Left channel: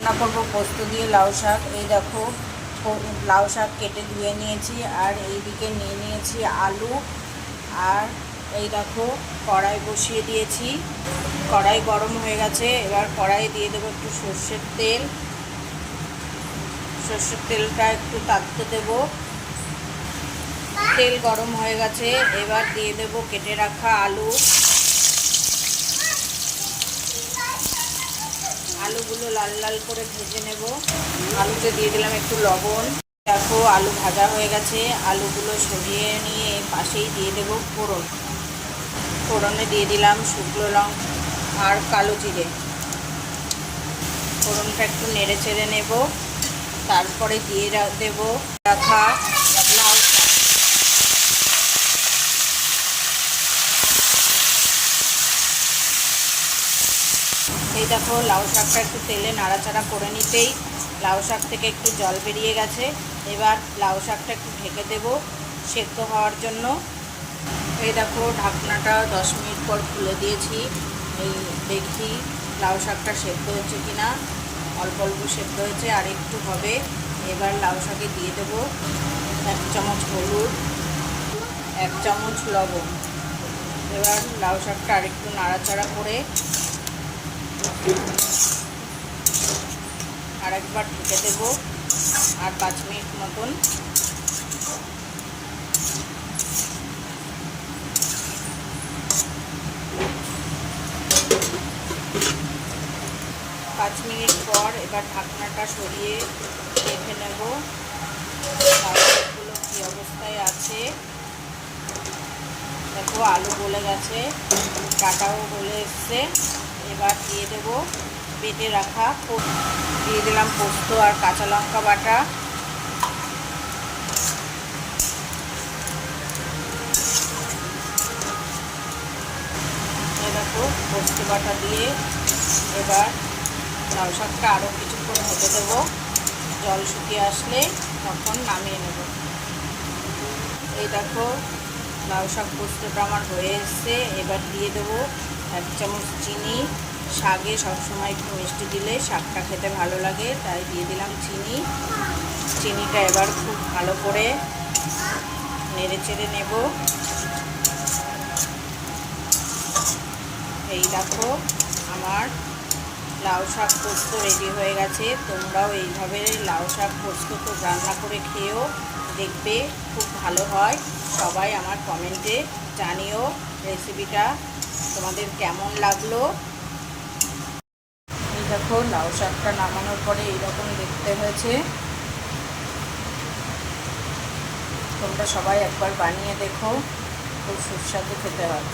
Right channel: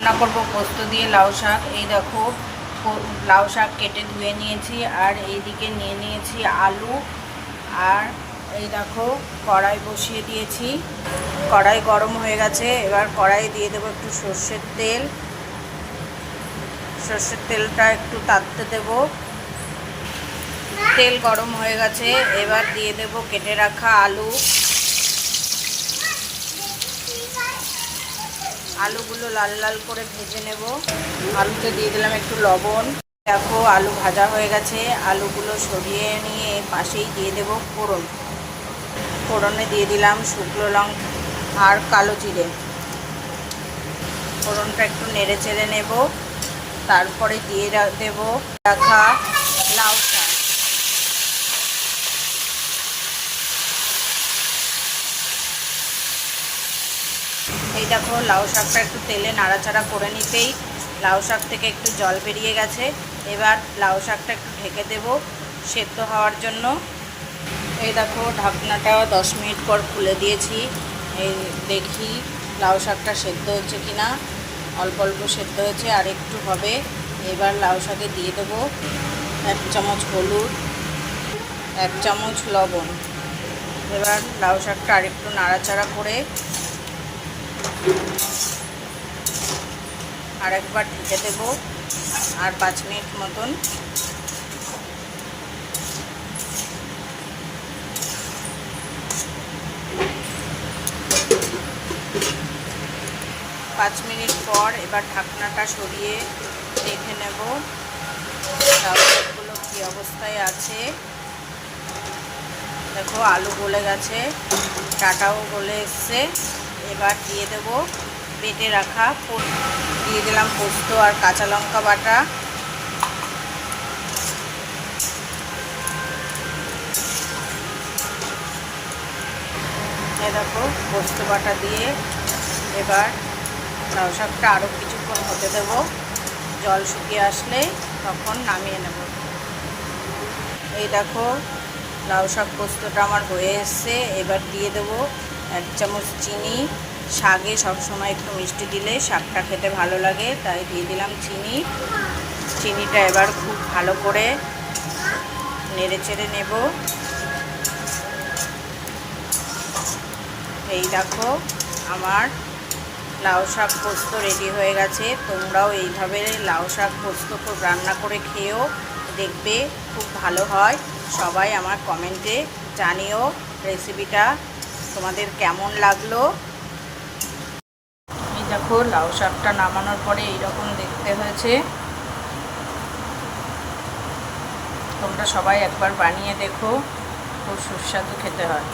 রান্না করবো পোস্ত দিয়ে লাউ শাক। এই দেখো লাউ শাক কেটে ধুয়ে নিয়েছি, আর এইদিকে নিয়ে নিয়েছি আলু। আর এই দেখো কড়াই বসিয়ে দিয়েছি, কড়াই গরম হয়ে গেছে। এবার কড়াই দিয়ে দেবো একটু সর্ষের তেল। সর্ষের তেলটা একটু তাপতে দেব। তেল গরম হয়ে গেছে, এবার দিয়ে দেব কেটে রাখা আলু। আলুগুলো লাল লাল করে ভেজে নেব। আলুতে দিয়ে দিলাম একটু লবণ। দেখো আলু ভাজা হয়ে গেছে, আলুগুলো সরিয়ে নিয়ে পাশেই দিয়ে দেব ফোড়ন। ফোড়নে দিয়ে দিলাম শুকনো লঙ্কা আর কালো জিরে। ফোড়নটা একটু নেড়ে চেড়ে নেব। তারপরে দিয়ে দেব রাখা লাউ শাক। এই দেখো লাউ শাকটা একটু তেলে নাড়াচাড়া করে নিতেই লাউ শাক থেকে একটু জল বেরিয়ে গেছে। এবার লাউ শাকটা একটু ঢেকে দেব সেদ্ধ হওয়ার জন্য। এই দেখো ঢাকনাটা 10 মিনিট পর খুলে দিয়েছি। এই দেখি লাউ শাকটা সেদ্ধ হয়েছে কিনা। অল্প অল্প সেদ্ধ হয়েছে, আর একটু হবে। এবার লাউ শাকে দিয়ে দেব 1 চামচ হলুদ, 1 চামচ লবণ। এবার লাউ শাকটা আরেকটু নাড়াচাড়া করে আর একবার ঢেকে দেব, আর 5 মিনিট মতন। 5 মিনিট পর এবার ঢাকনাটা সরিয়ে দেখে নেব লাউ শাকগুলো কী অবস্থায় আছে। দেখো আলু গলে গেছে, ডাঁটাও গলে এসছে। এবার দিয়ে দেব বেটে রাখা, দিয়ে দিলাম পোস্ত আর কাঁচা লঙ্কা বাটা। এই দেখো পোস্ত বাটা দিয়ে এবার লাউ শাকটা আরও কিছুক্ষণ হতে দেব। জল শুকিয়ে আসলে তখন নামিয়ে নেব। এই দেখো লাউ শাক পোস্তটা আমার হয়ে এসছে। এবার দিয়ে দেবো 1 চামচ চিনি। শাকে সবসময় একটু মিষ্টি দিলে শাকটা খেতে ভালো লাগে, তাই দিয়ে দিলাম চিনি। চিনিটা এবার খুব ভালো করে নেড়ে চেড়ে নেব। এই দেখো আমার লাউ শাক পোস্ত রেডি হয়ে গেছে। তোমরাও এইভাবে লাউ শাক পোস্ত খুব রান্না করে খেয়েও দেখবে, খুব ভালো হয়। সবাই আমার কমেন্টে জানিও রেসিপিটা তোমাদের কেমন লাগলো। এই দেখো লাউ শাকটা নামানোর পরে এইরকম দেখতে হয়েছে। তোমরা সবাই একবার বানিয়ে দেখো, খুব সুস্বাদু খেতে হয়।